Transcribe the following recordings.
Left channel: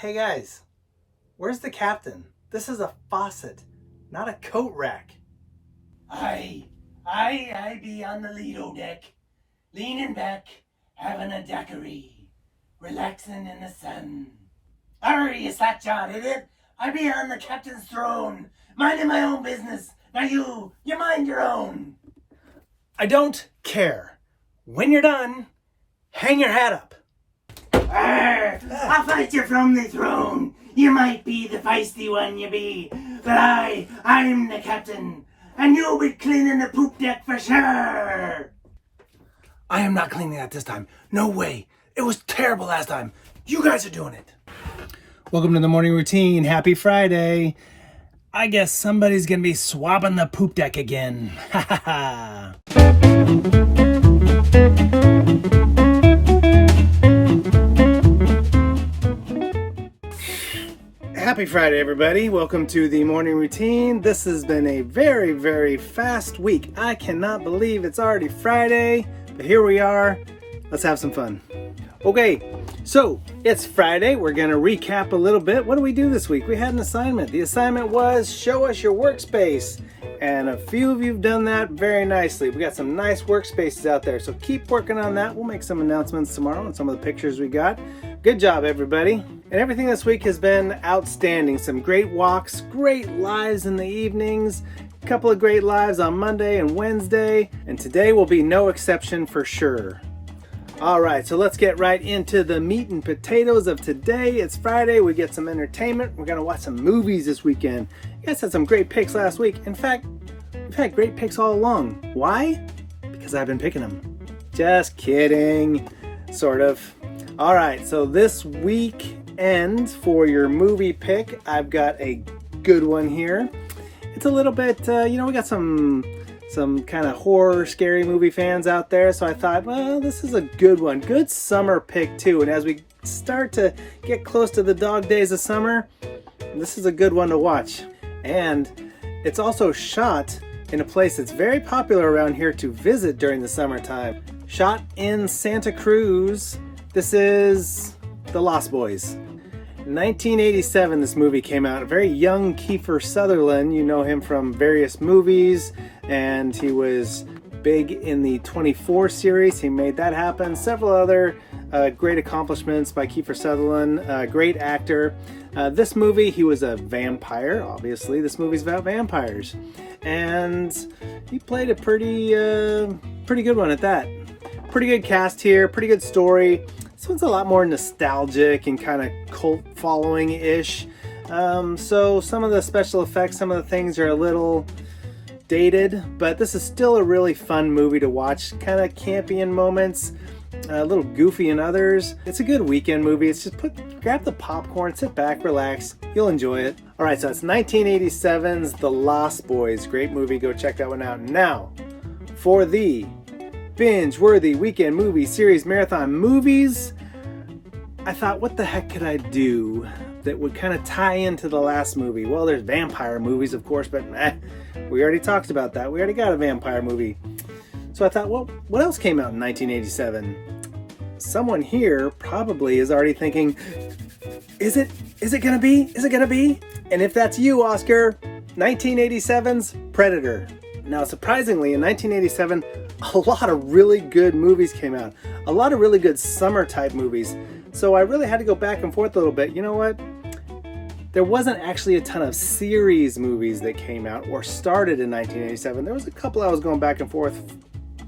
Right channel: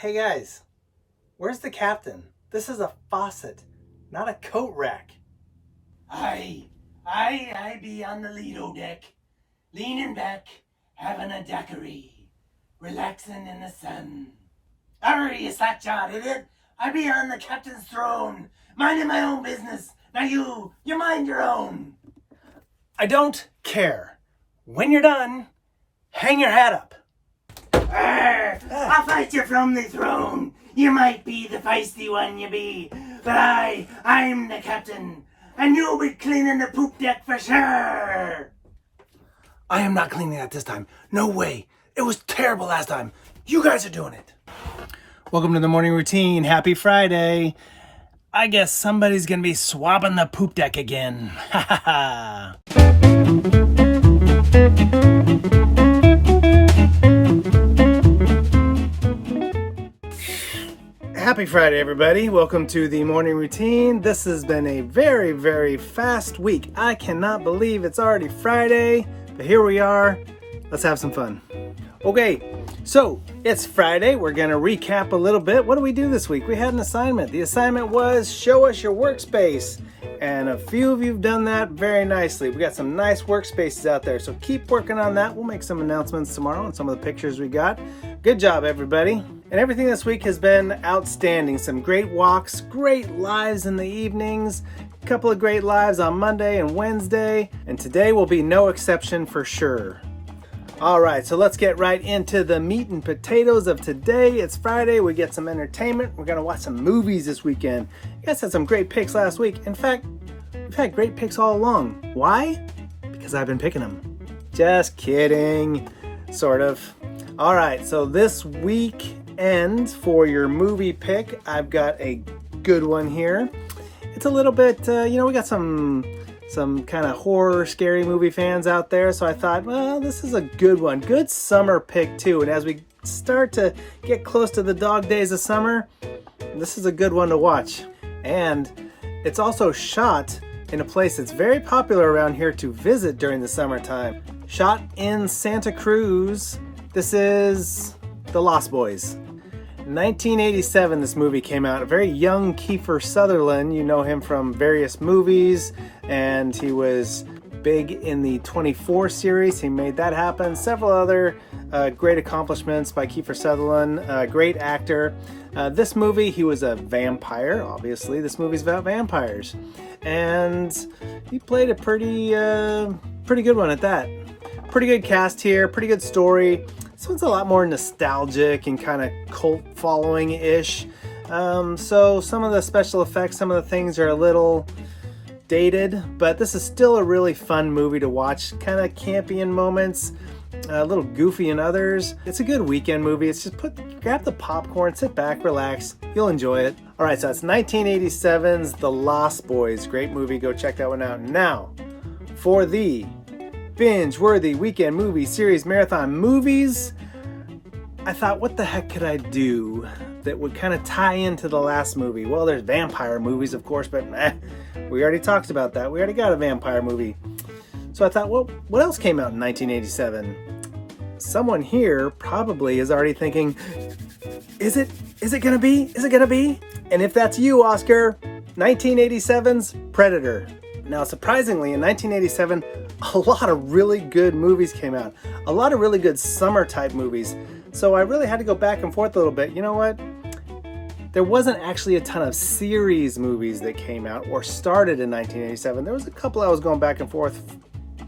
Hey guys, where's the captain? This is a faucet, not a coat rack. I be on the Lido deck, leaning back, having a daiquiri, relaxing in the sun. Hurry, you slack-jawed idiot! I be on the captain's throne, minding my own business. Now you mind your own. I don't care. When you're done, hang your hat up. I'll fight you from the throne. You might be the feisty one, you be, but I'm the captain, and you'll be cleaning the poop deck for sure. I am not cleaning that this time. No way. It was terrible last time. You guys are doing it. Welcome to the morning routine. Happy Friday. I guess somebody's going to be swabbing the poop deck again. Ha ha ha. Happy Friday, everybody. Welcome to the morning routine. This has been a very, very fast week. I cannot believe it's already Friday, but here we are. Let's have some fun. Okay, so it's Friday. We're going to recap a little bit. What did we do this week? We had an assignment. The assignment was show us your workspace. And a few of you have done that very nicely. We got some nice workspaces out there, so keep working on that. We'll make some announcements tomorrow on some of the pictures we got. Good job, everybody. And everything this week has been outstanding. Some great walks, great lives in the evenings, a couple of great lives on Monday and Wednesday, and today will be no exception for sure. All right, so let's get right into the meat and potatoes of today. It's Friday. We get some entertainment. We're going to watch some movies this weekend. You guys had some great picks last week. In fact, we've had great picks all along. Why? Because I've been picking them. Just kidding. Sort of. All right, so this weekend for your movie pick, I've got a good one here. It's a little bit, we got some kind of horror, scary movie fans out there. So I thought, well, this is a good one. Good summer pick, too. And as we start to get close to the dog days of summer, this is a good one to watch. And it's also shot in a place that's very popular around here to visit during the summertime. Shot in Santa Cruz. This is The Lost Boys. 1987, this movie came out. A very young Kiefer Sutherland. You know him from various movies, and he was big in the 24 series. He made that happen. Several other great accomplishments by Kiefer Sutherland. Great actor. This movie, he was a vampire, obviously. This movie's about vampires. And he played a pretty good one at that. Pretty good cast here, pretty good story. This one's a lot more nostalgic and kind of cult following-ish. So some of the special effects, some of the things are a little dated, but this is still a really fun movie to watch. Kind of campy in moments, a little goofy in others. It's a good weekend movie. It's just grab the popcorn, sit back, relax. You'll enjoy it. All right, so it's 1987's The Lost Boys. Great movie. Go check that one out. Now, for the binge-worthy weekend movie series marathon movies, I thought, what the heck could I do that would kind of tie into the last movie? Well, there's vampire movies, of course, but we already talked about that. We already got a vampire movie. So I thought, well, what else came out in 1987? Someone here probably is already thinking, is it gonna be? Is it gonna be? And if that's you, Oscar, 1987's Predator. Now, surprisingly, in 1987, a lot of really good movies came out. A lot of really good summer-type movies. So I really had to go back and forth a little bit. You know what? There wasn't actually a ton of series movies that came out or started in 1987. There was a couple I was going back and forth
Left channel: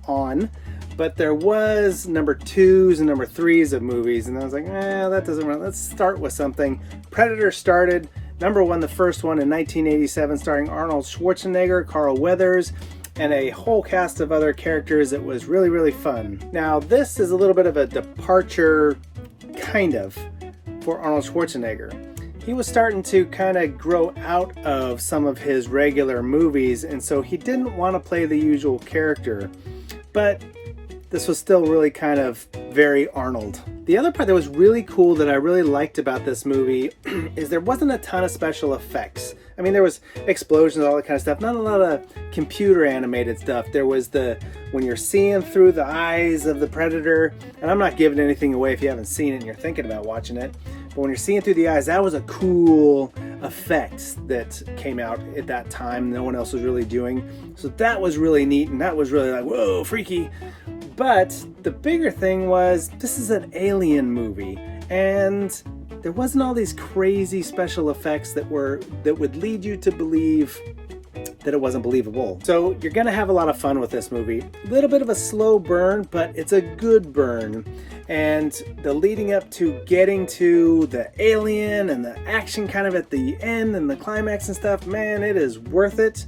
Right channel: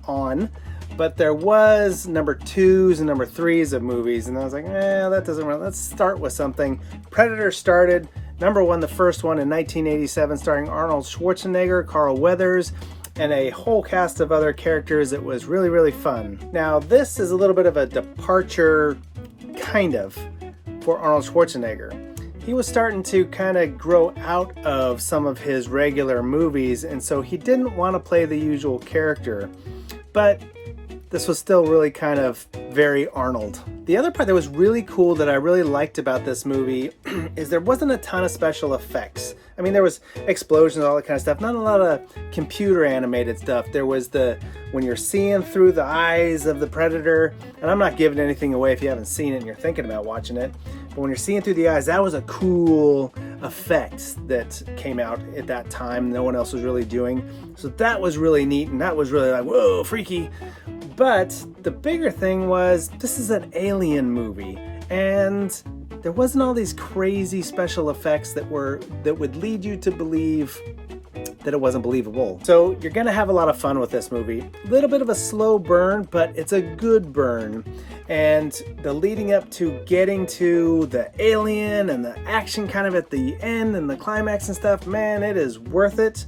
on, but there was number 2s and number 3s of movies. And I was like, that doesn't run. Let's start with something. Predator started. Number 1, the first one in 1987, starring Arnold Schwarzenegger, Carl Weathers, and a whole cast of other characters. It was really, really fun. Now, this is a little bit of a departure, kind of, for Arnold Schwarzenegger. He was starting to kind of grow out of some of his regular movies, and so he didn't want to play the usual character. But this was still really kind of very Arnold. The other part that was really cool that I really liked about this movie is there wasn't a ton of special effects. I mean, there was explosions, all that kind of stuff, not a lot of computer animated stuff. There was when you're seeing through the eyes of the predator, and I'm not giving anything away if you haven't seen it and you're thinking about watching it, but when you're seeing through the eyes, that was a cool effect that came out at that time. No one else was really doing. So that was really neat, and that was really like, whoa, freaky. But the bigger thing was, this is an alien movie, and there wasn't all these crazy special effects that would lead you to believe that it wasn't believable. So you're gonna have a lot of fun with this movie. A little bit of a slow burn, but it's a good burn. And the leading up to getting to the alien and the action kind of at the end and the climax and stuff, man, it is worth it.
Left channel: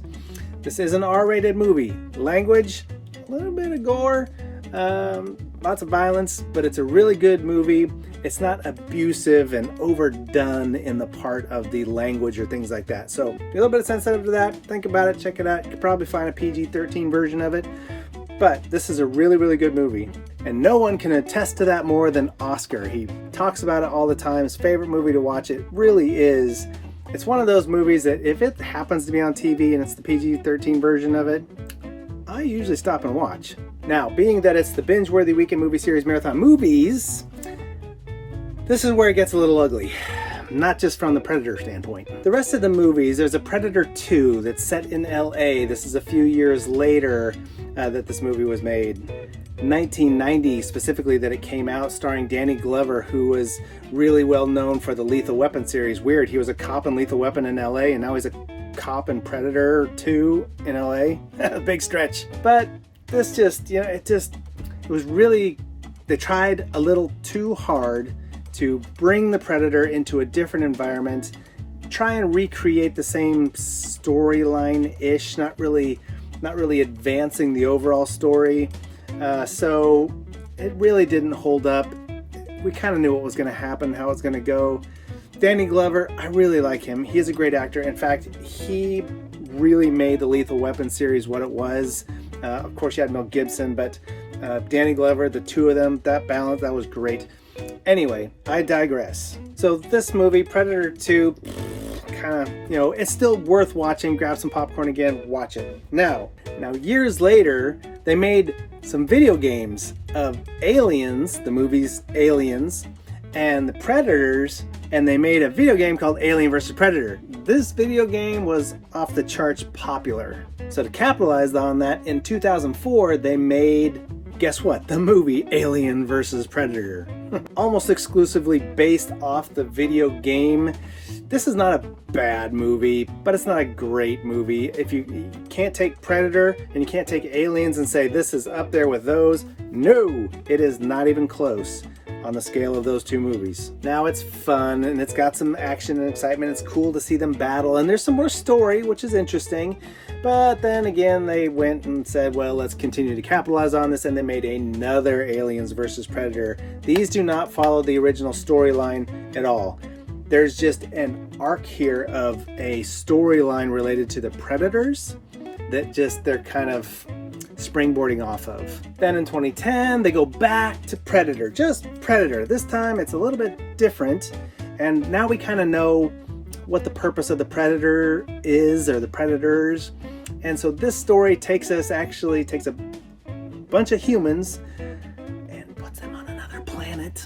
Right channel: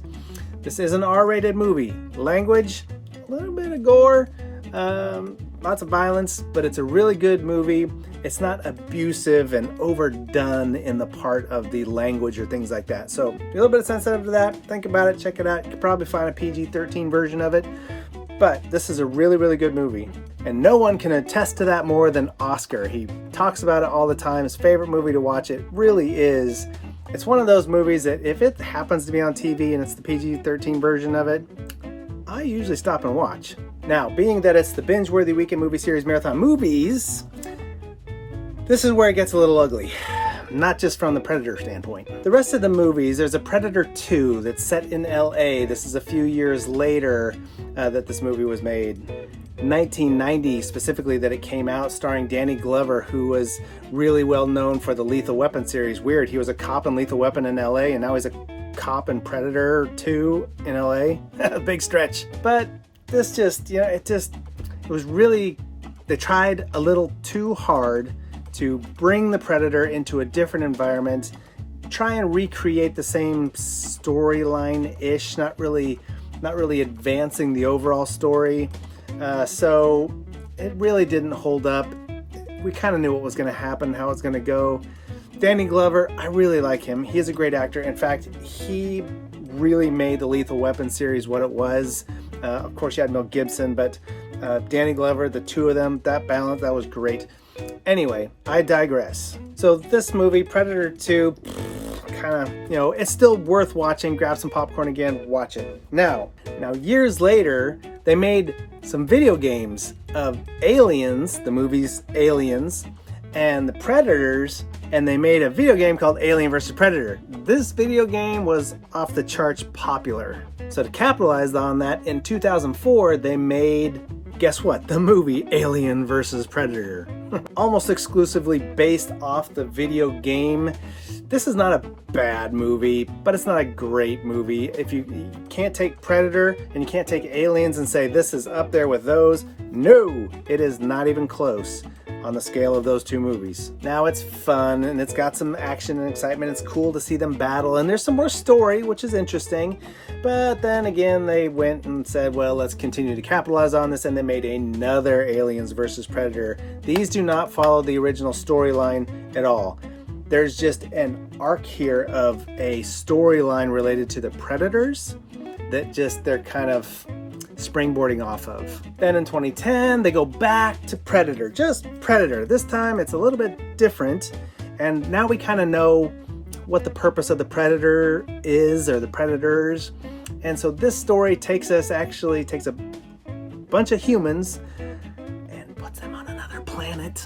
This is an R-rated movie. Language, a little bit of gore, lots of violence, but it's a really good movie. It's not abusive and overdone in the part of the language or things like that. So if you're a little bit sensitive to that, think about it, check it out. You could probably find a PG-13 version of it. But this is a really, really good movie. And no one can attest to that more than Oscar. He talks about it all the time. His favorite movie to watch. It really is. It's one of those movies that if it happens to be on TV and it's the PG-13 version of it, I usually stop and watch. Now, being that it's the binge-worthy weekend movie series Marathon Movies, this is where it gets a little ugly. Not just from the Predator standpoint. The rest of the movies, there's a Predator 2 that's set in LA. This is a few years later that this movie was made. 1990 specifically that it came out, starring Danny Glover, who was really well known for the Lethal Weapon series. Weird, he was a cop in Lethal Weapon in LA, and now he's a cop in Predator 2 in LA. Big stretch. But this just, it was really, they tried a little too hard to bring the Predator into a different environment, try and recreate the same storyline-ish, not really advancing the overall story. So it really didn't hold up. We kind of knew what was going to happen, how it's going to go. Danny Glover, I really like him. He is a great actor. In fact, he really made the Lethal Weapon series what it was. Of course, you had Mel Gibson, but Danny Glover, the two of them, that balance, that was great. Anyway, I digress. So this movie, Predator 2, kind of, it's still worth watching. Grab some popcorn again, watch it. Now, years later, they made some video games of Aliens, the movies Aliens, and the Predators, and they made a video game called Alien vs. Predator. This video game was off the charts popular. So to capitalize on that, in 2004, they made, guess what? The movie Alien vs. Predator. Almost exclusively based off the video game. This is not a bad movie, but it's not a great movie. If you can't take Predator and you can't take Aliens and say this is up there with those, no, it is not even close on the scale of those two movies. Now it's fun and it's got some action and excitement. It's cool to see them battle, and there's some more story, which is interesting. But then again, they went and said, well, let's continue to capitalize on this, and they made another Aliens vs. Predator. These do not follow the original storyline at all. There's just an arc here of a storyline related to the Predators that they're kind of springboarding off of. Then in 2010, they go back to Predator, just Predator. This time it's a little bit different, and now we kind of know what the purpose of the Predator is, or the Predators. And so this story takes a bunch of humans and puts them on another planet.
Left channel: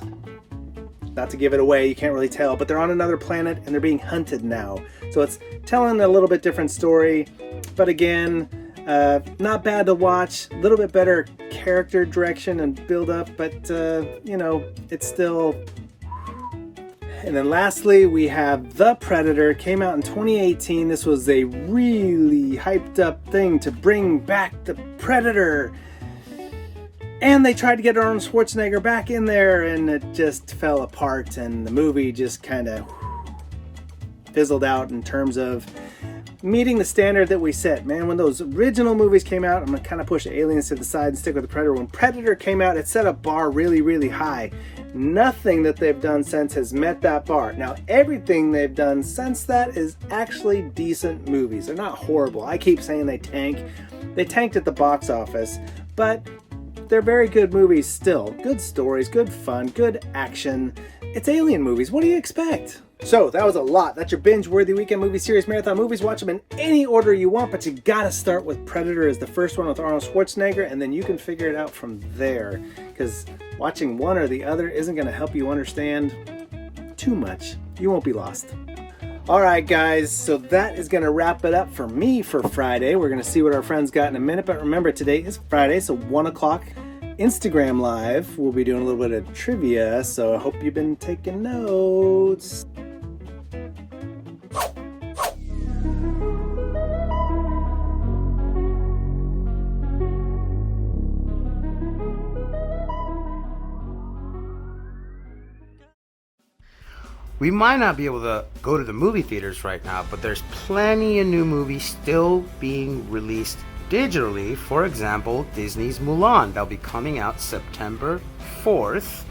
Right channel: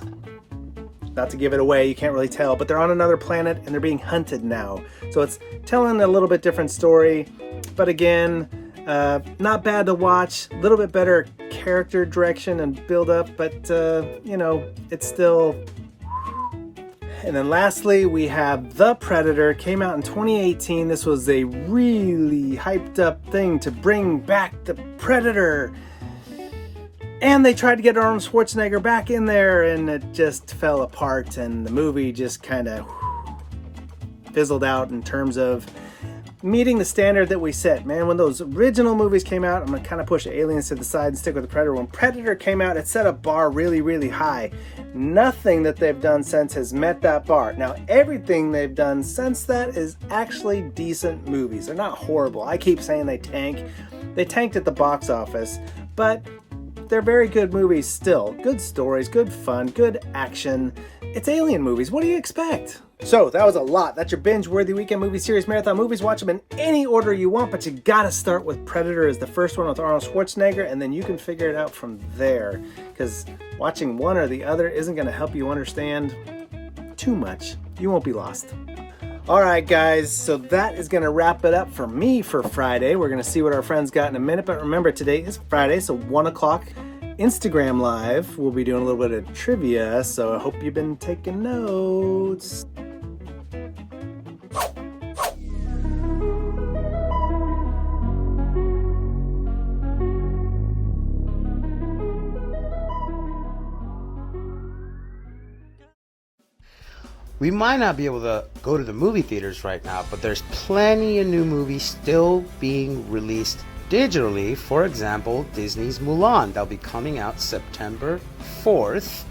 Not to give it away, you can't really tell, but they're on another planet and they're being hunted now. So it's telling a little bit different story, but again, not bad to watch. A little bit better character direction and build up, but it's still. And then lastly, we have The Predator. Came out in 2018. This was a really hyped up thing to bring back the Predator. And they tried to get Arnold Schwarzenegger back in there, and it just fell apart, and the movie just kind of fizzled out in terms of meeting the standard that we set. Man, when those original movies came out, I'm going to kind of push Aliens to the side and stick with the Predator. When Predator came out, it set a bar really, really high. Nothing that they've done since has met that bar. Now, everything they've done since that is actually decent movies. They're not horrible. I keep saying they tank. They tanked at the box office, but they're very good movies still. Good stories, good fun, good action. It's alien movies. What do you expect? So that was a lot. That's your binge-worthy weekend movie series marathon movies. Watch them in any order you want, but you gotta start with Predator as the first one with Arnold Schwarzenegger, and then you can figure it out from there. Because watching one or the other isn't gonna help you understand too much. You won't be lost. All right, guys, so that is going to wrap it up for me for Friday. We're going to see what our friends got in a minute, but remember, today is Friday, so 1 o'clock Instagram Live. We'll be doing a little bit of trivia, so I hope you've been taking notes. We might not be able to go to the movie theaters right now, but there's plenty of new movies still being released digitally. For example, Disney's Mulan. They'll be coming out September 4th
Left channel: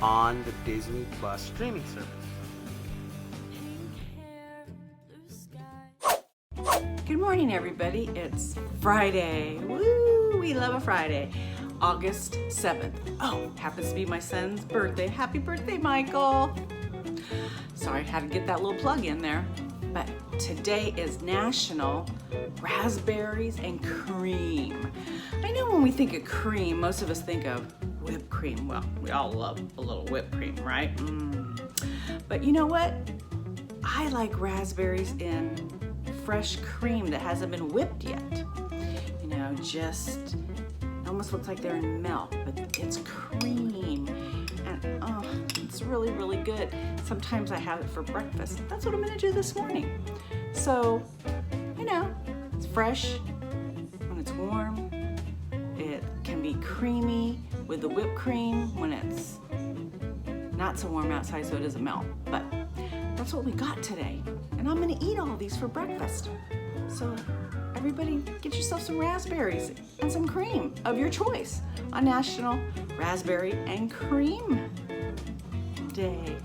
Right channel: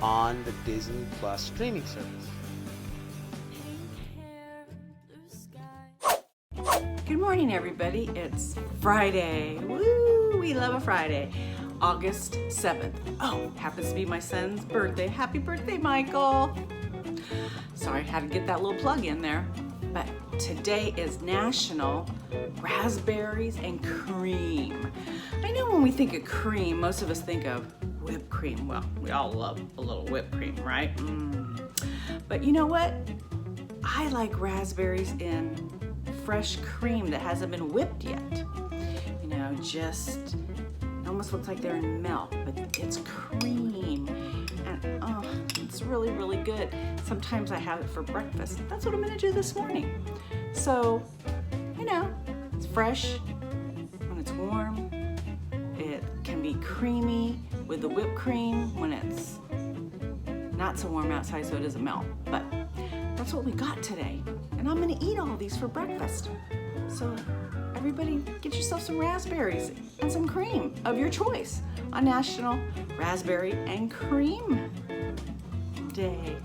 on the Disney Plus streaming service. Good morning, everybody. It's Friday. Woo! We love a Friday. August 7th. Oh, happens to be my son's birthday. Happy birthday, Michael. Sorry, I had to get that little plug in there. But today is National Raspberries and Cream. I know when we think of cream, most of us think of whipped cream. Well, we all love a little whipped cream, right? But you know what? I like raspberries in fresh cream that hasn't been whipped yet. You know, just almost looks like they're in milk, but it's cream. And oh, it's really, really good. Sometimes I have it for breakfast. That's what I'm gonna do this morning. So, you know, it's fresh when it's warm. It can be creamy with the whipped cream when it's not so warm outside so it doesn't melt. But that's what we got today. And I'm gonna eat all these for breakfast. So everybody get yourself some raspberries and some cream of your choice on National Raspberry and Cream Day.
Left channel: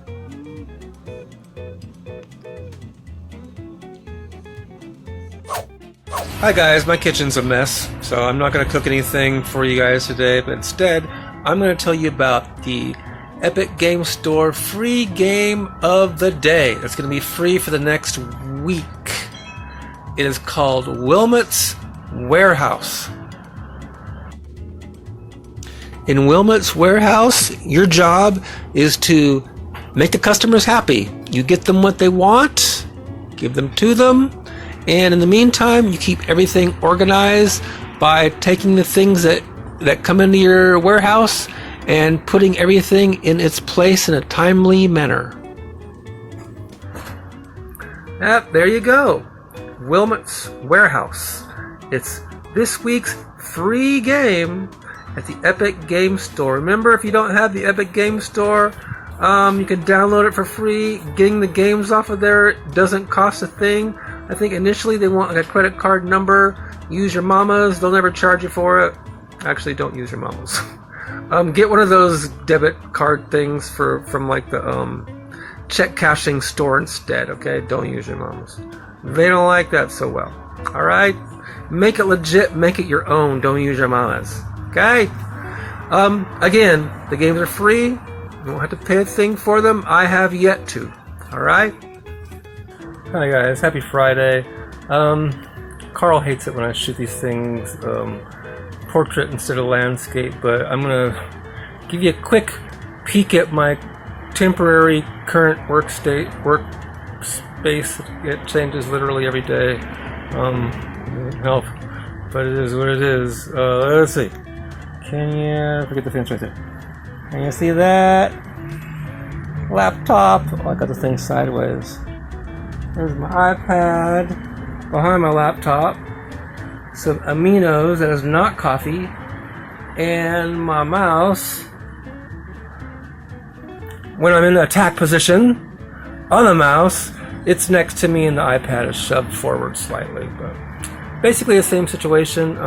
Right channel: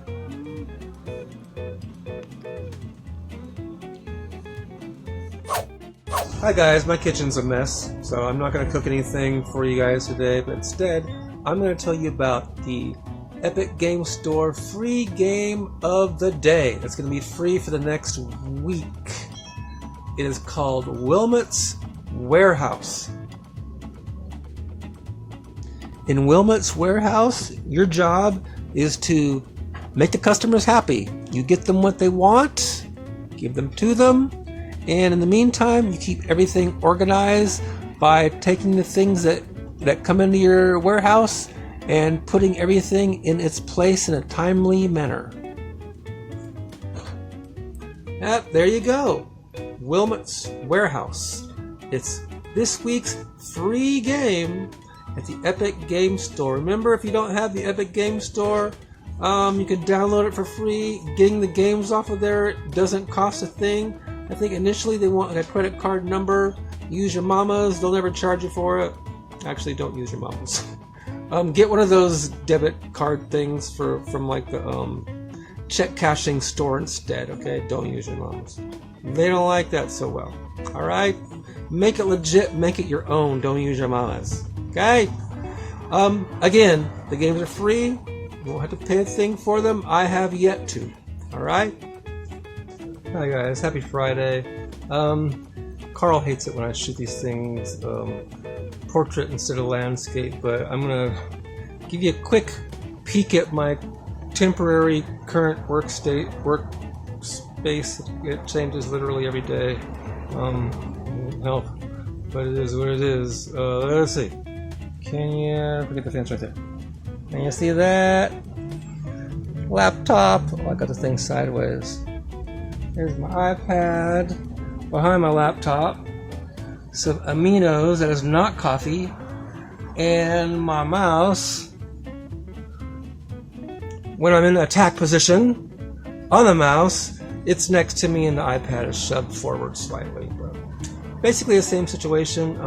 Hi guys, my kitchen's a mess, so I'm not going to cook anything for you guys today, but instead I'm going to tell you about the Epic Game Store free game of the day. It's going to be free for the next week. It is called Wilmot's Warehouse. In Wilmot's Warehouse, your job is to make the customers happy. You get them what they want, give them to them, and in the meantime, you keep everything organized by taking the things that come into your warehouse and putting everything in its place in a timely manner. Yep, there you go. Wilmot's Warehouse. It's this week's free game at the Epic Game Store. Remember, if you don't have the Epic Game Store, you can download it for free. Getting the games off of there doesn't cost a thing. I think initially they want like a credit card number. Use your mama's. They'll never charge you for it. Actually, don't use your mama's. Get one of those debit card things from like the check cashing store instead. Okay, don't use your mama's. They don't like that so well. All right, make it legit. Make it your own. Don't use your mama's. Okay. Again, the games are free. You don't have to pay a thing for them. I have yet to. All right. Hi guys, happy Friday. Carl hates it when I shoot these things portrait instead of landscape, but I'm gonna give you a quick peek at my temporary current workspace. It changes literally every day. No, but it is what it is. Let's see. Can you forget the things right there? Can you see that? Laptop. Oh, I got the thing sideways. There's my iPad behind my laptop. Some aminos that is not coffee. And my mouse. When I'm in the attack position on the mouse, it's next to me and the iPad is shoved forward slightly. But basically the same situation.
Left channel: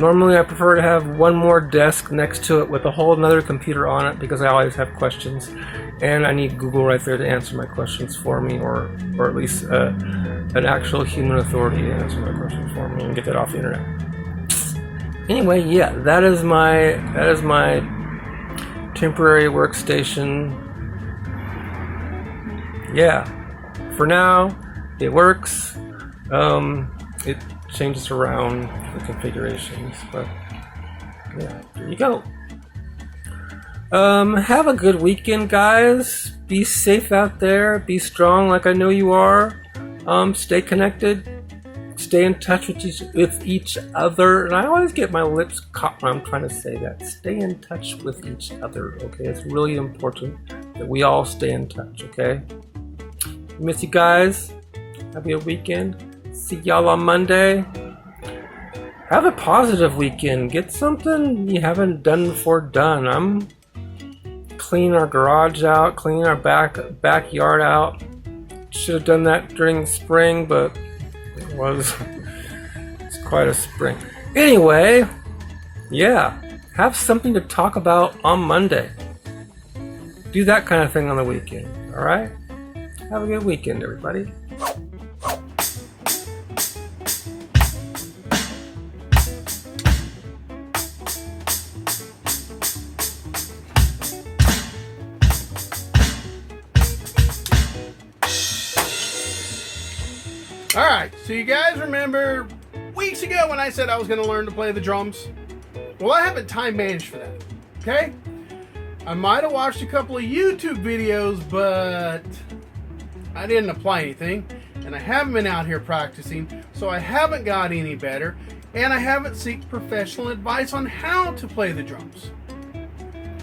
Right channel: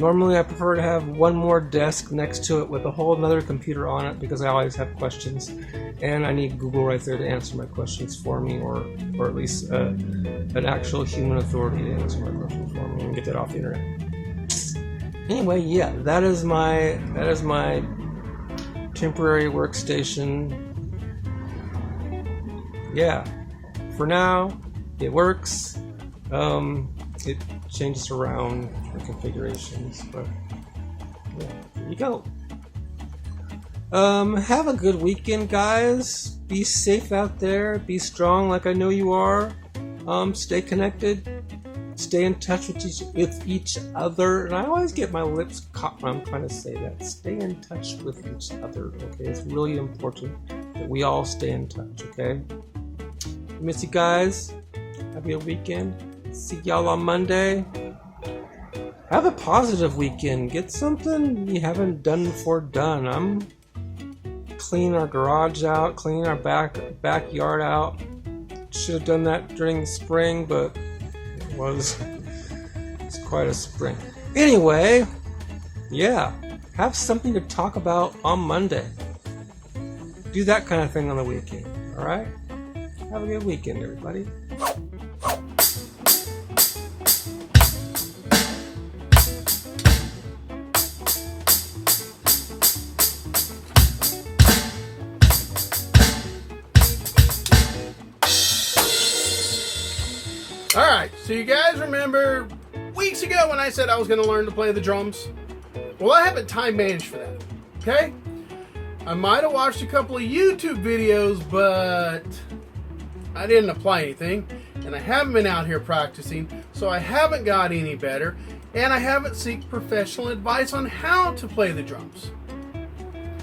Normally I prefer to have one more desk next to it with a whole another computer on it because I always have questions and I need Google right there to answer my questions for me, or at least an actual human authority to answer my questions for me and get that off the internet. Anyway, yeah, that is my temporary workstation. Yeah, for now it works. It changes around the configurations, but yeah, there you go. Have a good weekend, guys. Be safe out there. Be strong, like I know you are. Stay connected. Stay in touch with each other. And I always get my lips caught when I'm trying to say that. Stay in touch with each other. Okay, it's really important that we all stay in touch. Okay. Miss you guys. Have a good weekend. See y'all on Monday. Have a positive weekend. Get something you haven't done before done. I'm cleaning our garage out, cleaning our backyard out. Should have done that during spring, but it's quite a spring. Anyway, yeah, have something to talk about on Monday. Do that kind of thing on the weekend. All right? Have a good weekend, everybody. Alright, so you guys remember weeks ago when I said I was going to learn to play the drums? Well, I haven't time managed for that, okay? I might have watched a couple of YouTube videos, but I didn't apply anything, and I haven't been out here practicing, so I haven't got any better, and I haven't sought professional advice on how to play the drums.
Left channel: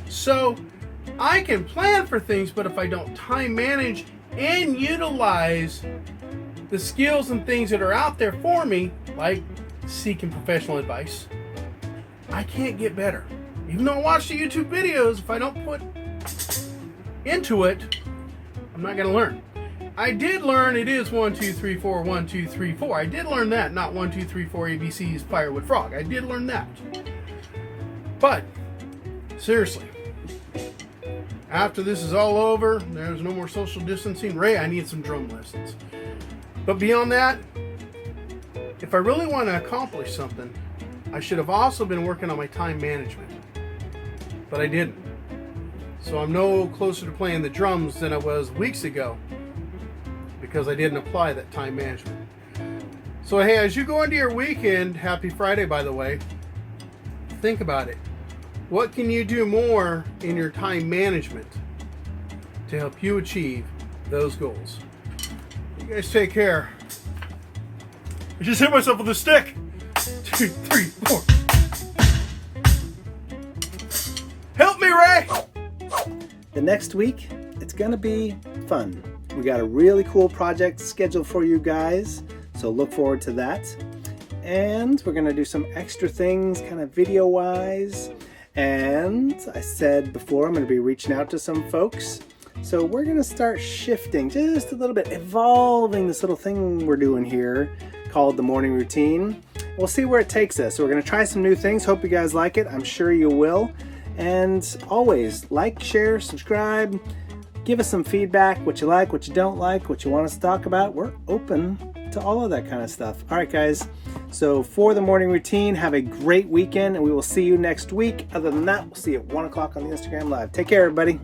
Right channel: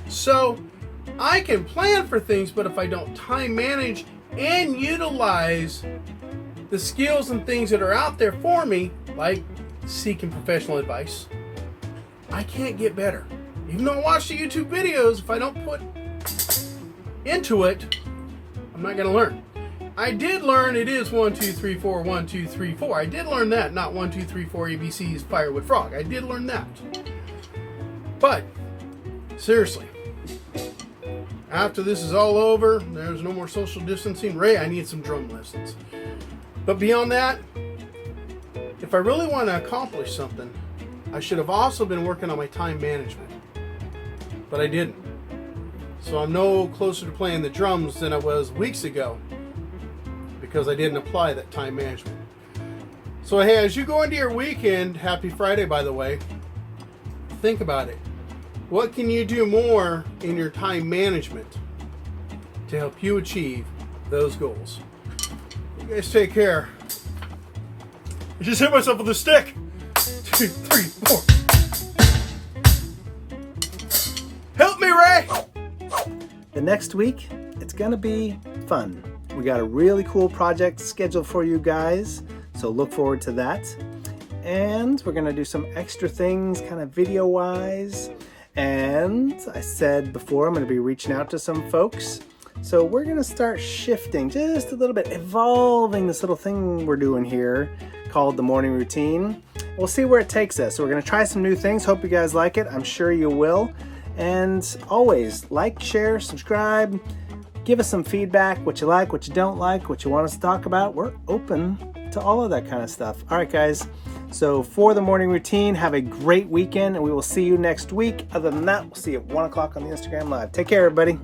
So, I can plan for things, but if I don't time manage and utilize the skills and things that are out there for me, like seeking professional advice, I can't get better. Even though I watch the YouTube videos, if I don't put into it, I'm not going to learn. I did learn it is 1, 2, 3, 4, 1, 2, 3, 4. I did learn that, not 1, 2, 3, 4 ABCs, firewood frog. I did learn that. But, seriously, after this is all over, there's no more social distancing. Ray, I need some drum lessons. But beyond that, if I really want to accomplish something, I should have also been working on my time management. But I didn't. So I'm no closer to playing the drums than I was weeks ago because I didn't apply that time management. So hey, as you go into your weekend, happy Friday by the way, think about it. What can you do more in your time management to help you achieve those goals? You guys take care. I just hit myself with a stick. 2, 3, 4. Help me, Ray! The next week, it's gonna be fun. We got a really cool project scheduled for you guys, so look forward to that. And we're gonna do some extra things, kind of video-wise. And I said before, I'm gonna be reaching out to some folks. So we're gonna start shifting just a little bit, evolving this little thing we're doing here called the morning routine. We'll see where it takes us. So we're gonna try some new things. Hope you guys like it. I'm sure you will. And always like, share, subscribe, give us some feedback, what you like, what you don't like, what you want us to talk about. We're open to all of that kind of stuff. All right, guys. So for the morning routine, have a great weekend and we will see you next week. Other than that, we'll see you at 1 o'clock on the Instagram Live. Take care, everybody.